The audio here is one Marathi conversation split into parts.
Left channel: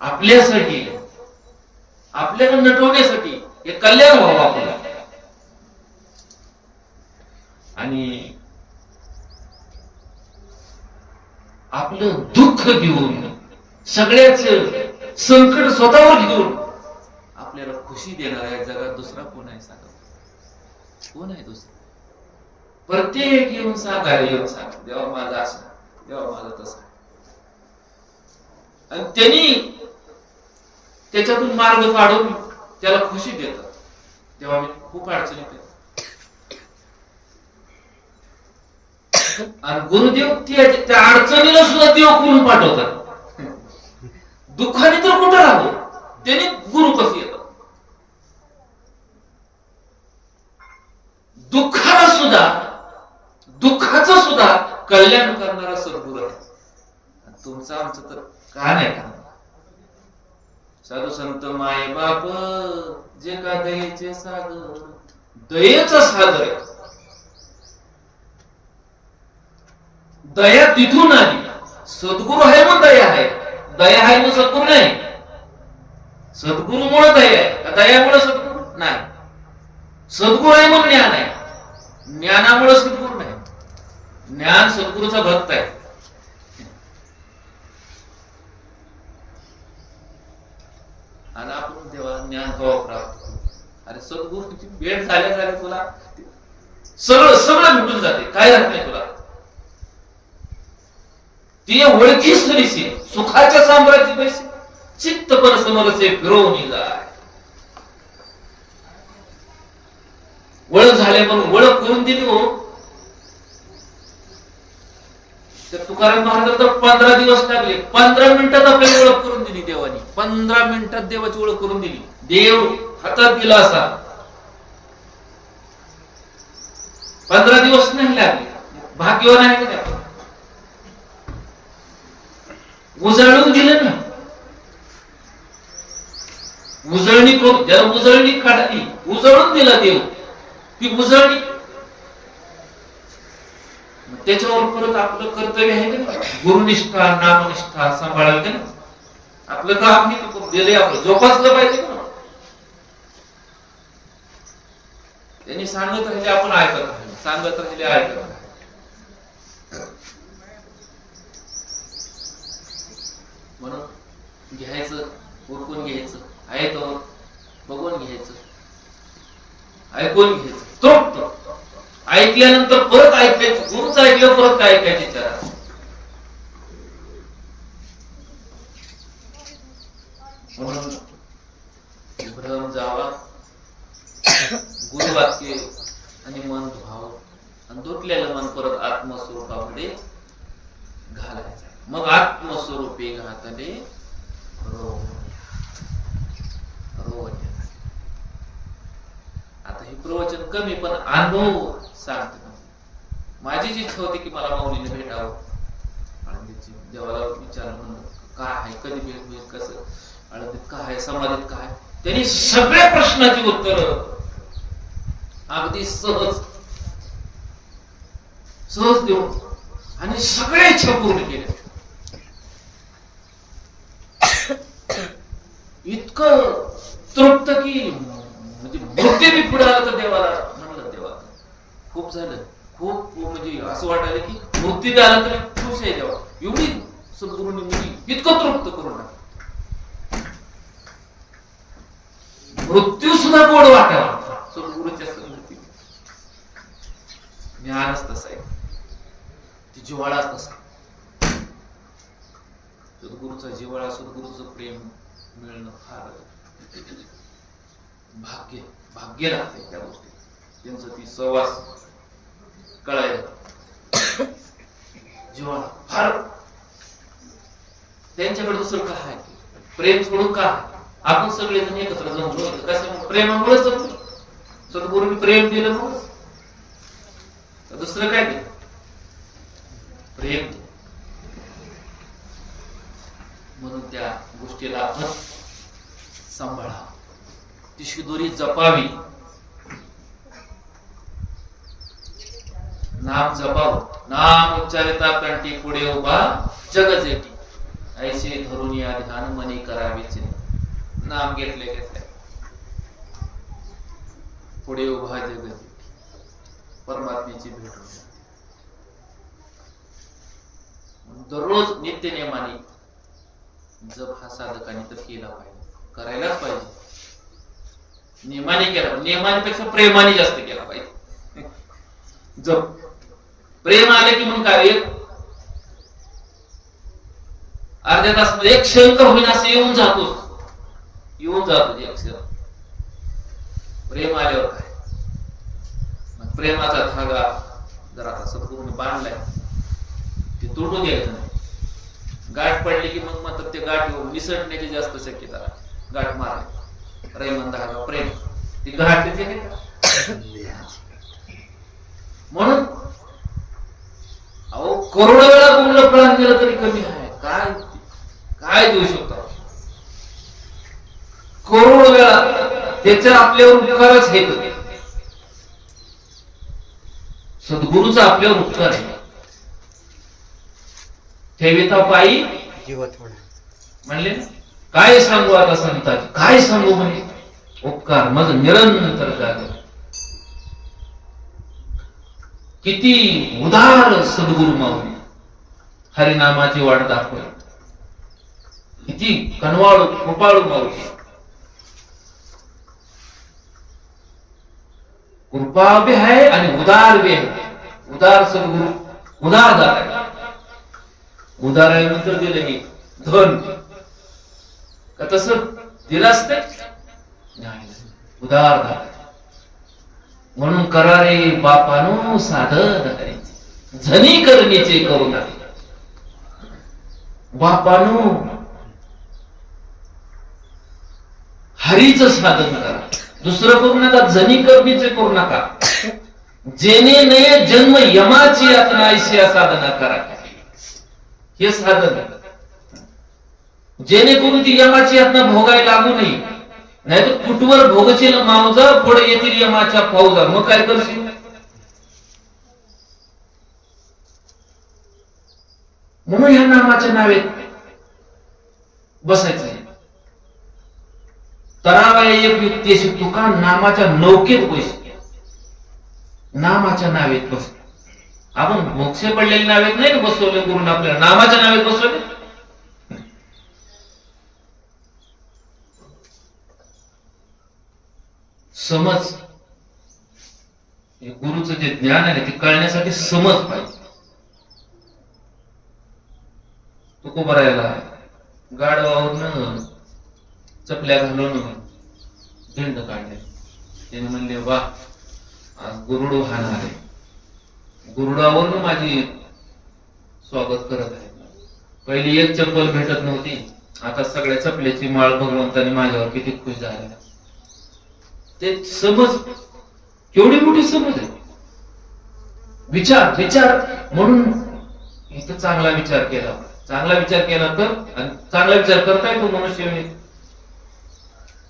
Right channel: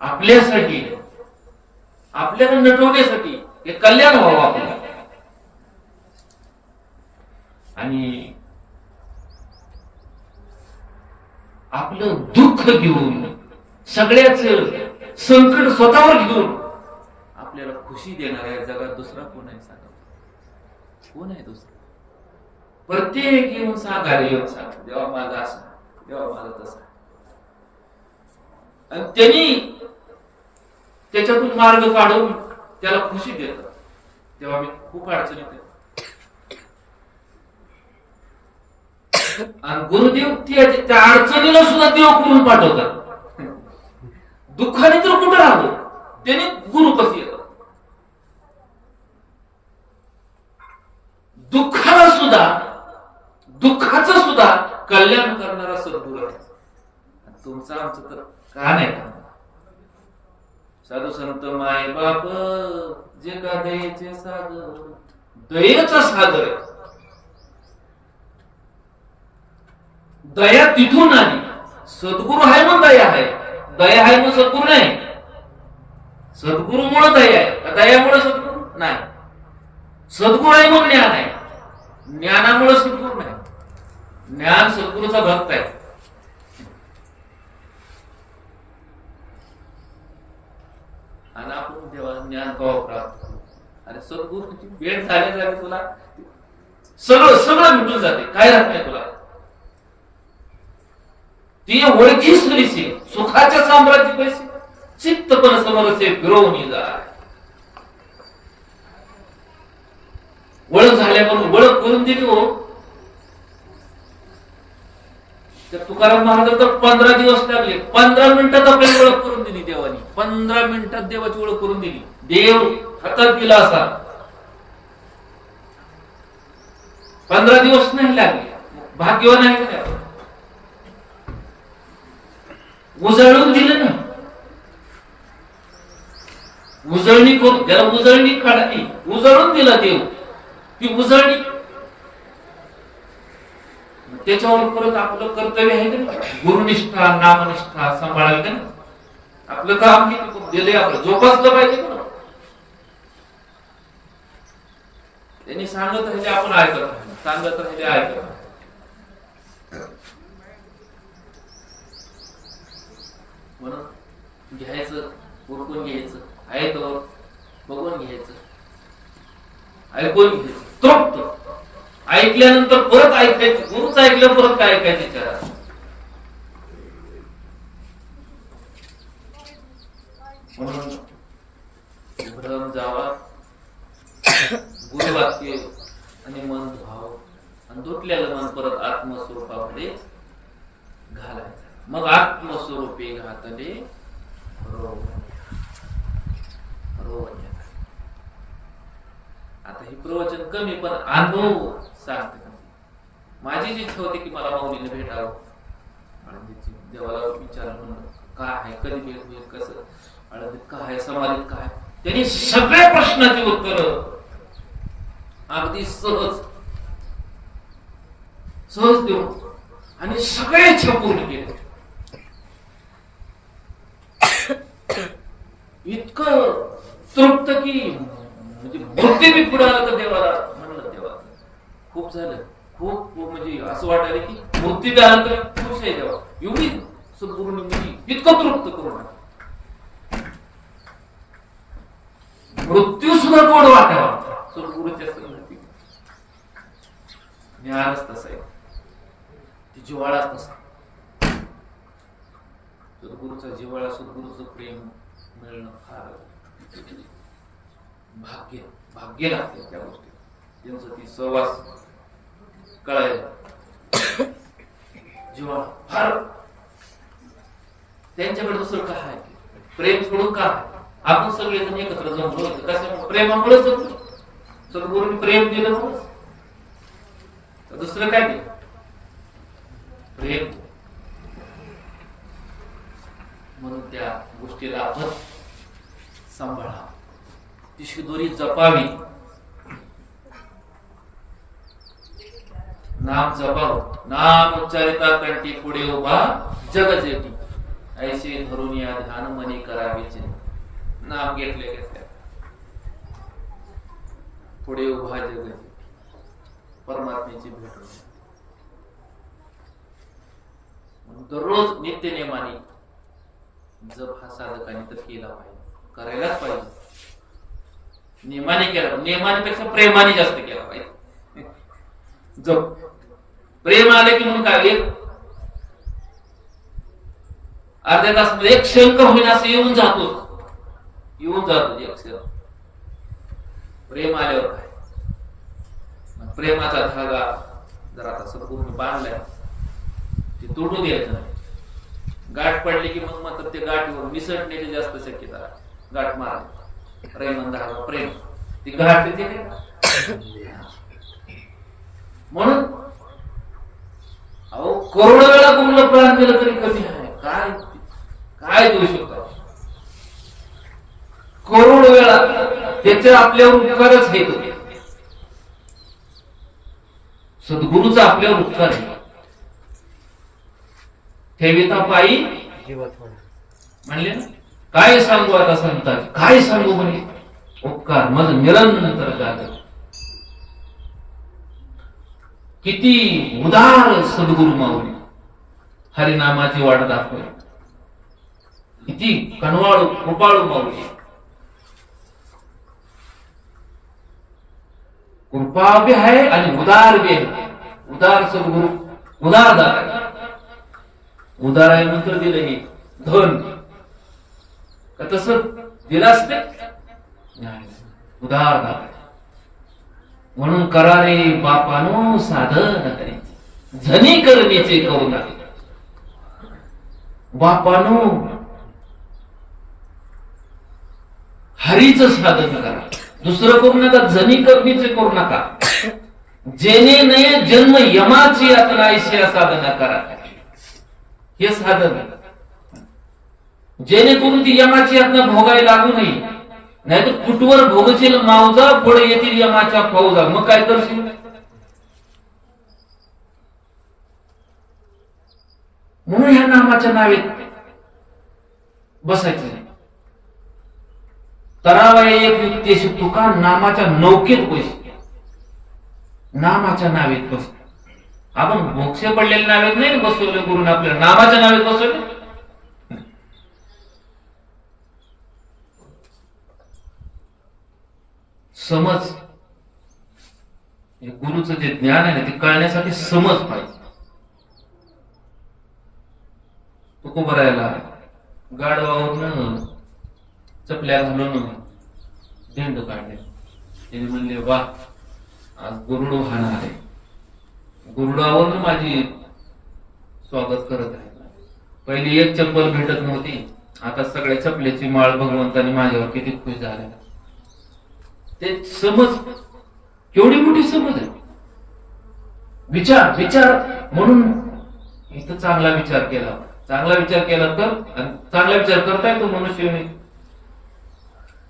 आपल्यासाठी, आपल्याला नटवण्यासाठी, हे कल्याण व्हावं आपल्याला. आणि आपलं दुःख घेऊन, सगळ्याच संकट स्वतःवर घेऊन आपल्याला खुशी देणाऱ्या जगात दुसरा कोण आहे सांगा? कोण आहे दुसरा? प्रत्येक येऊन सांगा, येऊन सांगा, देवा माझा असा, देवा माझा तसा. आणि त्यांनी त्याच्यातून मार्ग काढून त्याला खुशी देतात. तेव्हा मी खूप अडचणीत आहे. आणि गुरुदेव त्या अडचणीला सुद्धा देव करून पाठवतात. दुःखाने तर कुठं राहतो, त्याने गुरु कशी येतात. दुःखाला सुद्धा, दुःखाचं सुद्धा कल्याण करणारा सद्गुरू आहे. तुमचं आमचं तर का नाही का? साधू संत माय बाप जे का दयेचे सागर, दयेचा सागर आहे. दया तिथून आली. सद्गुरू आहे म्हणून दया आहे, दया आहे म्हणून सद्गुरू नाही. सद्गुरूमुळे दया आहे, दयामुळे सद्गुरू नाही. सद्गुरू आहे म्हणून ज्ञान आहे, ज्ञानामुळे सद्गुरू नाही. ज्ञान सद्गुरूचा भक्त आहे. आणि आपण तेव्हा ज्ञान केव्हा प्राप्त करू? अरे सद्गुरूची भेट झाल्या झाल्या तुला सगळं सगळं भेटून जाते, काय राहत नाही तुला. ती ओळखीच नरीशी सुखाच्या साम्राज्य पैसे चित्त पर समरसे फिरवून जाय. ओळख झाल्या म्हणून ओळख करून दिली हो. त्या तुकाराम महाराज तर 15 दिवस लागले. 15 मिनिटात आपल्याला ओळख करून दिली देवानी. 15 मिनिटात देवाची ओळख करून दिली. देव हातात दिला असा 15 दिवस नाही लागले. भाग्यवान आहे का आपण? उजळून दिलं ना, उजळणी करून, ज्याला उजळणी काढली, उजळून दिला देव. ती उजळणी त्याच्यावर परत आपलं कर्तव्य आहे का? गुरुनिष्ठा, नामनिष्ठा सांभाळाल का? आपलं काम हे दिलंय, आपलं जोपासलं पाहिजे का? त्यांनी सांगत राहिले, आपण ऐकत राहिले, सांगत राहिले, ऐकत राहिले. म्हणून घ्यायचं, उरकून घ्यायचं, आहे तो बघून घ्यायचं, ऐकून घ्यायचं, तृप्त. ऐकल्यानंतर परत ऐकायचं. गुरुच ऐकलं परत काय ऐकायचं विचारा. म्हणून भ्रम जावा, गुरुवाक्य आणि मन भाव, आणि धुतलेलं मन परत आत्मस्वरूपामध्ये घालायचं. मग आत्मस्वरूपी घातले रोवण्या. आता हे प्रवचन कमी, पण अनुभव सांगते. माझी जी इच्छा होती की मला माऊलीने भेटावं, आळंदीची. देवाला विचारलं, म्हणलं काय आहे, कधी भेट होईल, कसं, आळंदीत काय आहे, समाधीत काय. त्यांनी सगळ्या प्रश्नाची उत्तर अगदी सहज सहज देऊन आणि सगळ्या इच्छा पूर्ण केल्या. इतकं तृप्त की म्हणजे मृत्यू बी पुढे आला तर देवाला म्हणलं, देवा खूप झालं, खूप म्हणजे असं वाटायला की मृत्यू बी आला तरी खुश आहे देवा. एवढी सद्गुरूंनी म्हणजे इतकं तृप्त करून टाकलं. मृत्यू सुद्धा गोड वाटावा सद्गुरूच्या संगती. ज्ञानच तसा आहे, ती जिव्हाळाच तसा. सद्गुरूचा जिव्हाळा, सद्गुरूचं प्रेम मिळणं फार भाग्य, भाग्य लागते त्या गोष्टी. त्यांचं ती सहवास कळायला जिव्हाळा फार. त्यांच्याकडे दुसरं काय आहे? प्रेम सोडून काय? आपण सगळेजण एकत्र जमलो कशा? प्रेमामुळेच जमलो. सद्गुरूंनी प्रेम दिलं म्हणून. दुसरं काय दिलं? प्रेम. म्हणून त्या गोष्टीला आपण सांभाळावं, तिशी दोरी जपावी. नाम जपावं. नाम उच्चारिता कंठी पुढे उभा जग जेटी. ऐसे धरून या ध्यान मनी करावीचे. नाम घेतले घेतल्या पुढे उभा जग परमात्म्याची भेट होते. दररोज नित्य नियमाने जप हा साधकाने तर केला पाहिजे, करायलाच पाहिजे. नियमाने केला पाहिजे, नियमानेपेक्षा प्रेमाने जास्त केला पाहिजे. जप प्रेम आलं की मग काय अर्ध्या तास एक शंकर होईना असं येऊन जातो एक क्षण. प्रेम आल्यावर काय मग प्रेमाचा धागा जर आता सद्गुरूने बांधलाय ते तुटू द्यायचं नाही. गाठ पडली की मग म्हणतात ते गाठीवर निसटण्याची जास्त शक्यता. गाठ मारली प्रेम धागा प्रेम ती गाठ म्हणून अहो करोड वेळा गुरुला प्राण दिलं तरी कमी आहे. काय काय देऊ शकतो करोड वेळा त्याचे आपल्यावर उपकारच हे सद्गुरूचा आपल्यावर उपकार आहे. ठेविता पायी म्हणले काय सांगू आता संतांचे काय सांगू म्हणजे उपकार मग निरंतर जागत. किती उदार सद्गुरु माऊली हरिनामाची वाट दाखवली. किती कनवाळू कृपाळू माऊली. कृपा भी आहे आणि उदार भी आहे. उदार सद्गुरु उदार दाता. उदार आहे मंत्र दिले हे धन का तसं दिलं असते उदार दाता. म्हणून करा रे बापानो साधन करायचे झनी करणीचे करुणा. बापानो हरीचं साधन करा, दुसरं करू नका, झनी करणीचे करू नका. जेणे नये जन्म यमाची यातना ऐशी साधना करा. हे साधन जेणेकरून ती यमाची यातना भोगायला लागू नये. नाही तर कुठवर भोगशील मावजा पुढे येतील यमाच्या फौजा. मग काय करशील? म्हणून ह्या नामाच्या नावेत बसायचं. तरावया एक युक्ती शिकतो का नामाच्या नौकेत बस. नामाच्या नावेत बस. आपण मोक्षे पडलेल्या नावेत नाही ना बसवले गुरुने आपल्याला, नामाच्या नावेत बसवले. समज गुरुचं जे ज्ञान आहे ते कळण्यासाठी समज पाहिजे. तुकोबरायला गाडवावरून चपल्या घालून झेंड काढले. त्याने म्हणले वा आज गुरुड वाहणार आहे, गुरुडावरून माझी स्वागत करत आहे. पहिली एक चप्पल भेटत नव्हती, आता सगळ्या चपलेची माळ भगवंतानी माझ्यावर किती खुश झाले. ते समज केवढी मोठी समज आहे. विचार विचार म्हणून इथं चांगला विचार केला. चांगला विचार केला तर चांगला विचार करता येतो मनुष्य.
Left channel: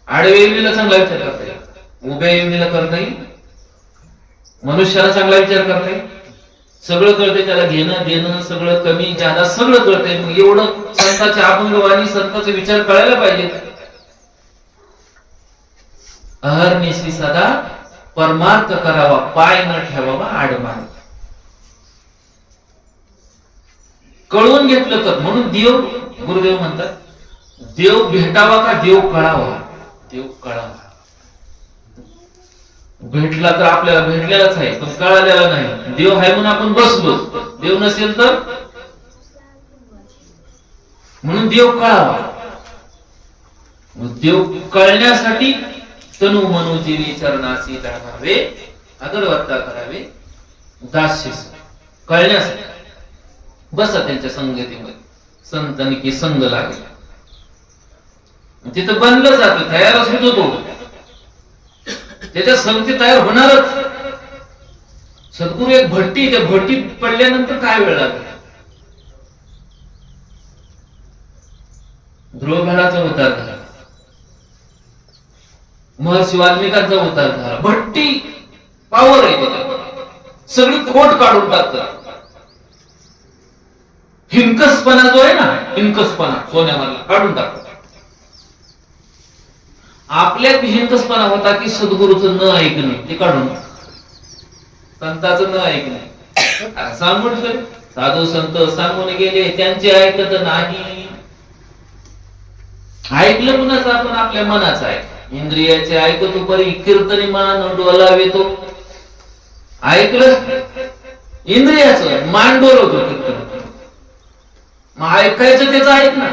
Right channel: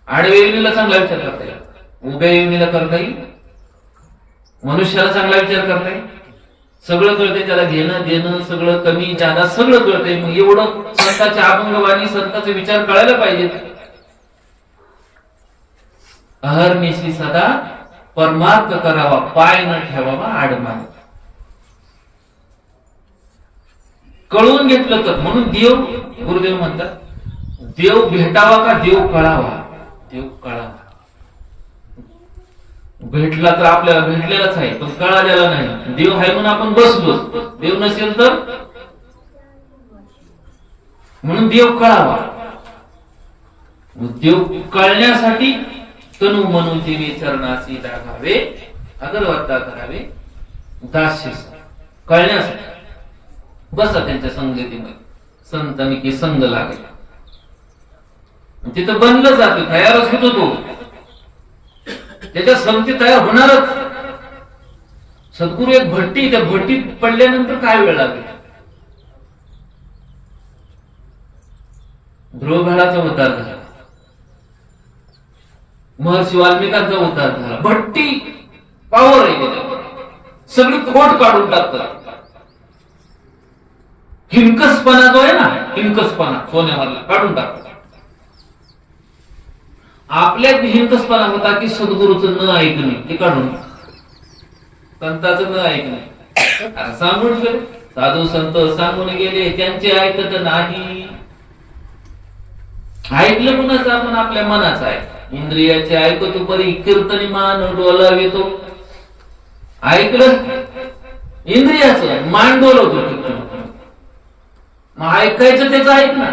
आडव्या येऊनीला चांगला विचार करता येईल, उभ्या येऊनीला करता येईल, मनुष्याला चांगला विचार करता येईल. सगळं कळतंय त्याला, घेणं देणं सगळं कमी जादा सगळं कळतंय. मग एवढं संतांच्या अभंगवाणी संतांचे विचार कळायला पाहिजे. अहर्निशी सदा परमार्थ करावा, पाय न ठेवावा आडमार्ग. कळून घेतलं तर म्हणून देव गुरुदेव म्हणतात देव भेटावा का देव कळावा. देव कळावा. भेटला तर आपल्याला भेटलेलाच आहे पण कळालेला नाही. देव आहे म्हणून आपण बसलो, देव नसेल तर म्हणून देव कळावा. देव कळण्यासाठी तनु मनुजीने चरणासी लागावे, अगरवत्ता करावे दास्य. कळण्यासाठी बसा त्यांच्या संगतीमध्ये. संतांनी की संग लागला तिथं बनलं जात, तयारच होतो तो. त्याच्या संगती तयार होणारच. सद्गुरु एक भट्टी, त्या भट्टीत पडल्यानंतर काय वेळ लागेल. ध्रुवघराचा उतार झाला, महर्षी वाल्मिकांचा उतार झाला. भट्टी पावर आहे, सगळी खोट काढून टाकतात. हिंकसपणा जो आहे ना, हिंकसपणा सोन्यामधला काढून टाकतो. आपल्यात हिंकसपणा होता की सद्गुरूचं न ऐकणे, ते काढून संतांचं न ऐकणे. सांगून गेले साधू संत, सांगून गेले, त्यांचे ऐकत नाही. ऐकलं कुणाचं? आपण आपल्या मनाचं ऐक, इंद्रियाचे ऐकतो परी कीर्तनी मान डोलावितो. ऐकलं इंद्रियाचं, मान डोलवतो कीर्तन. मग ऐकायचं त्याचं ऐक ना,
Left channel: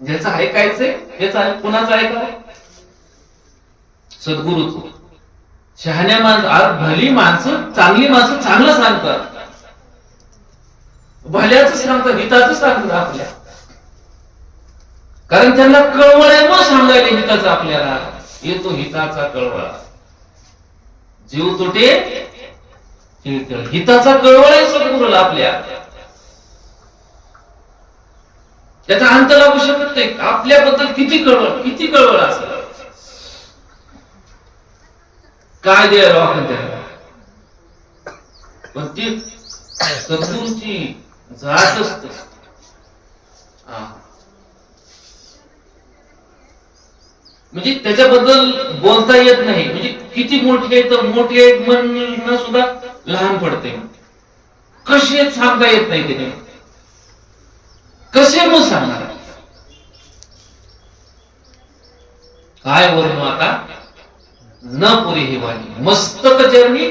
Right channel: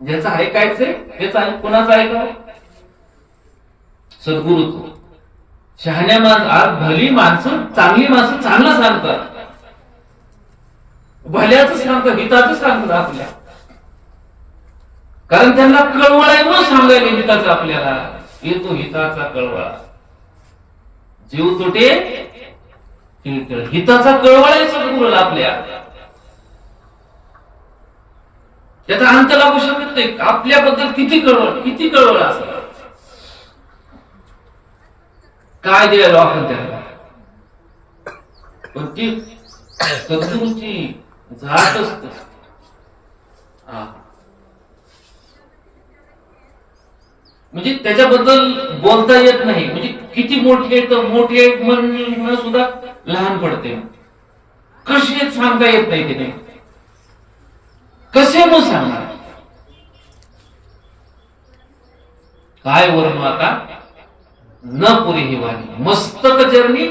ज्याचं ऐकायचंय त्याचं ऐक. कुणाचं ऐकावं? सद्गुरूचं. शहाण्या माणसं, भली माणसं, चांगली माणसं चांगलं सांगतात, भल्याच सांगतात, हिताचं सांगतात आपल्या. कारण त्यांना कळवळ आहे मग सांगायला हिताचं. आपल्याला येतो हिताचा कळवळा. जीव तुटे हिताचा कळवळ आहे सद्गुरूला आपल्या. त्याचा अंत लागू शकत नाही. आपल्याबद्दल किती कळवळ असं काय द्यायला आपण त्याला. पण ती सद्गुरूची जात असते. म्हणजे त्याच्याबद्दल बोलता येत नाही. म्हणजे किती मोठे तर मोठे म्हणणं सुद्धा लहान पडते. कसे सांगता येत नाही तिने, कसे मग सांगणार? काय वर्ण आता न पुरी ही वाणी. मस्तक चरणी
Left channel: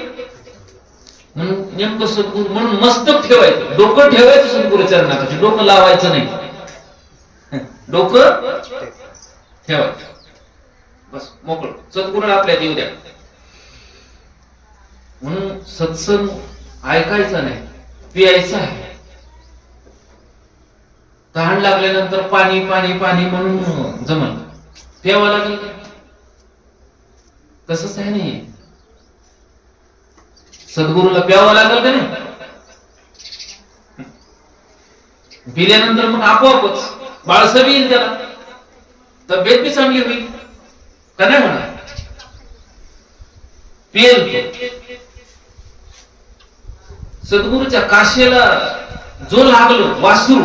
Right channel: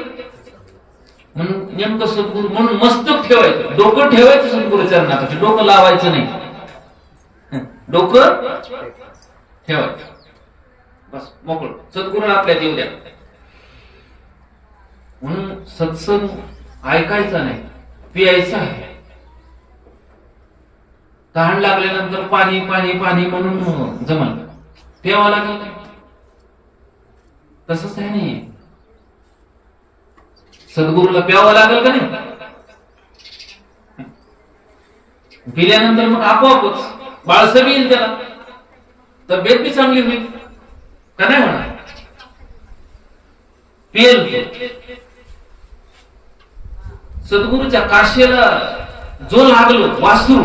म्हणून नेमकं सद्गुरू म्हणून मस्तक ठेवायचं, डोकं ठेवायचं सद्गुरू चरणापाशी, डोकं लावायचं नाही, डोकं ठेवायचं बस मोकळ. सद्गुरू आपल्यात येऊ द्या. म्हणून सत्संग ऐकायचा नाही, पियायचा आहे. तहान लागल्यानंतर पाणी पाणी पाणी म्हणून जमल, प्यावं लागेल. तसंच आहे नाही, सद्गुरूला प्यावं लागेल का नाही? पिल्यानंतर मग आपोआपच बाळसबी येईल, त्याला तब्येत बी चांगली होईल का नाही म्हणा. पेल सद्गुरूच्या काशेला जो लागलो वासरू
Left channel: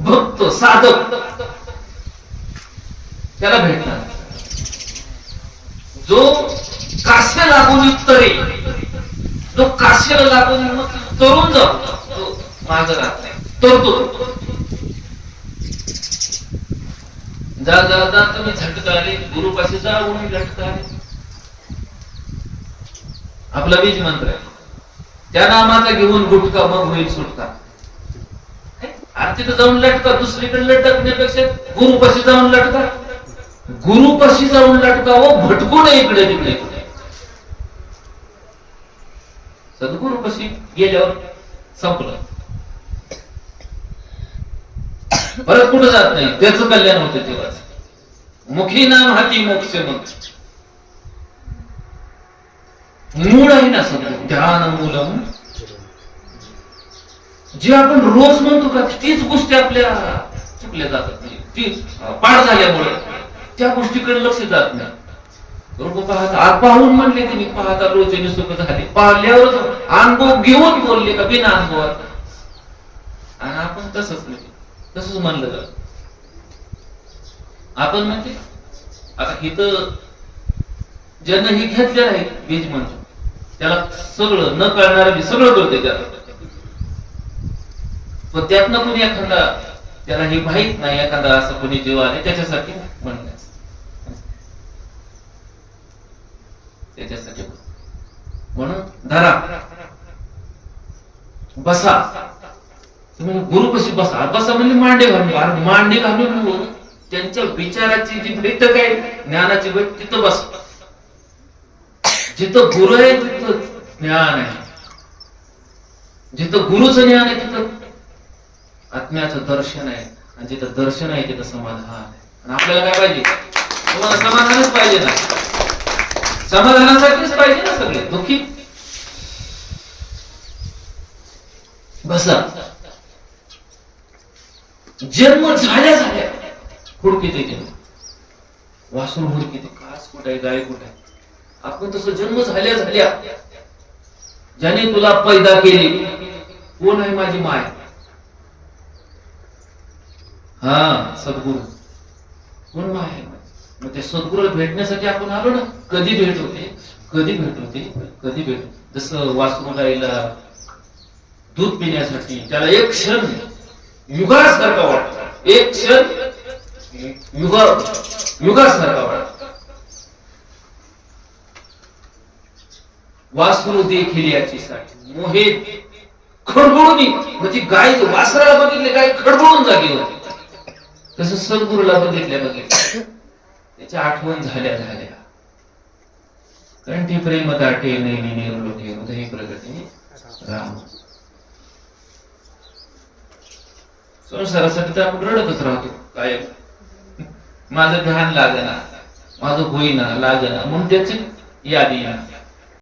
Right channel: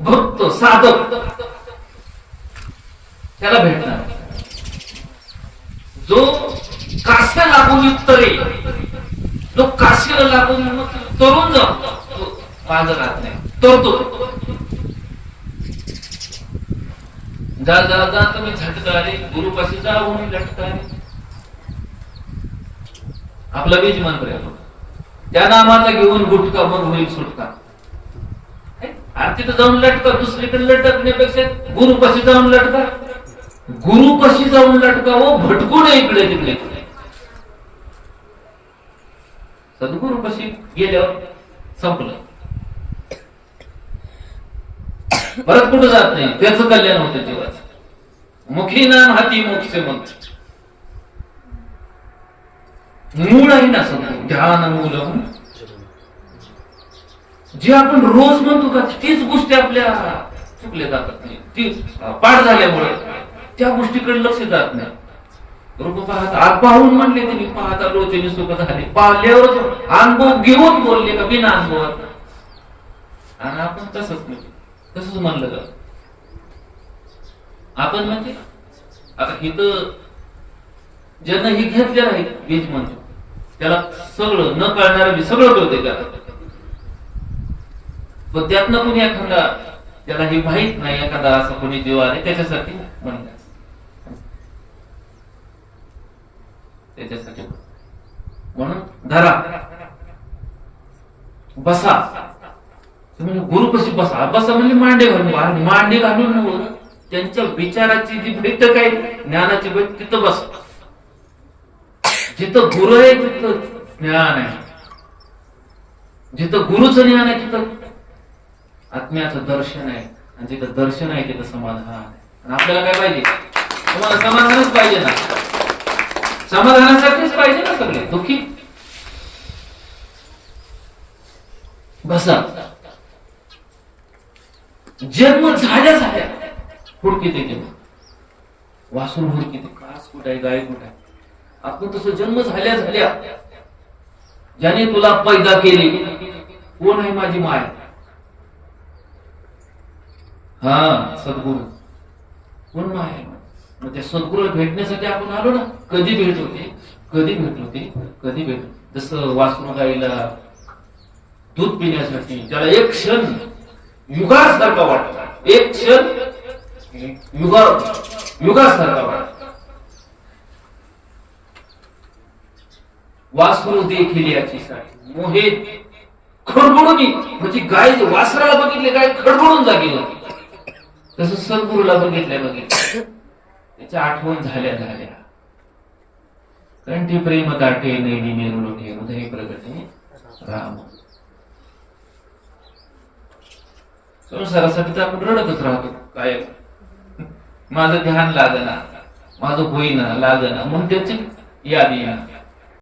भक्त साधक त्याला भेटणार. जो काश्या लागून तरे, तो काश्याला लागून मग तरुण जातो, तो माग राहत नाही, तरतो. जा जा जा तुम्ही झटकारे, गुरुपाशी जाऊन झटकारे. आपला बीज मंत्र आहे. त्या नामाचा घेऊन गुटका मग होईल सुटका. तिथं जाऊन लटका, दुसरीकडे लटकण्यापेक्षा गुरुपाशी जाऊन लटका. गुरुपाशी जाऊन लटका व भटकू नये इकडे तिकडे. सद्गुरुपाशी गेल्यावर संपलं, परत कुठं जात नाही. त्याचं कल्याण होते तेव्हा. मुखी नाम हाती मोक्ष मंत्र. मूळ आहे ना सगळं, ध्यान मूलम. जे आपण रोज म्हणतो का तीच गोष्टी आपल्या चुकल्या जातात नाही, ती पाठ झाल्यामुळे त्या गोष्टीकडे लक्ष जात नाही. रूप पाहता आत पाहून म्हणले ते, पाहता लोचनी सुख झाले. पाहिल्यावरच अनुभव घेऊन बोलले का बिना अनुभवात. आणि आपण तसंच नाही, तसंच म्हणलं जात. आपण म्हणजे आता इथं ज्यांना हे घेतलेलं आहे बीज मंत्र, त्याला सगळं न कळणार सगळं कळते त्याला. पण त्यातनं कोणी एखादा त्याला हे माहित नाही, एखादा असं कोणी जीव आहे त्याच्यासाठी म्हणलं, त्याच्यासाठी म्हणून धरा बसा. तुम्ही गुरुपाशी बसा. बसा म्हणजे मांडे घालून, मांडे घालून त्यांच्या विचाराची जी बैठक आहे, ज्ञानाची बैठक, तिथं बस. जिथं गुरु आहे तिथं ज्ञान आहे. जिथं गुरुचं ज्ञान आहे तिथं आत्म्याचं दर्शन आहे. आणि जिथं दर्शन आहे तिथं समाधान आहे. आणि आपल्याला काय पाहिजे? तुम्हाला समाधानच पाहिजे ना. समाधानासाठीच पाहिजे ना सगळे. दुःखी बसा. जन्म झाल्या झाल्या हुडकीत येते, वासून हुडकीत, कास कुठे आहे, गाय कुठे आहे. आपण तसं जन्म झाल्या झाल्या ज्याने तुला पैदा केली कोण आहे माझी माय? हा, सद्गुरू. कोण माय आहे माझी? मग त्या सद्गुरूला भेटण्यासाठी आपण आलो ना. कधी भेट होते? कधी भेट होते? कधी भेट? जसं वासरू गाईला दूध पिण्यासाठी त्याला एक क्षण युगासारखा वाटतो, एक क्षण युगासारखा वाटतो. वासरू देखील याचीसाठी मोहित खडबडून, म्हणजे गाय वासराला बघितले गाय खडबडून जागी होती. तसं सद्गुरूला बघितल्या त्याच्या आठवण झाल्या झाल्या. कंठी प्रेम दाटे नेली नेरुलोटे हृदय प्रगती राम. संसारासाठी तर आपण रडतच राहतो काय, माझं ध्यान लागना, माझं होईना लागना, म्हणून त्याची यादी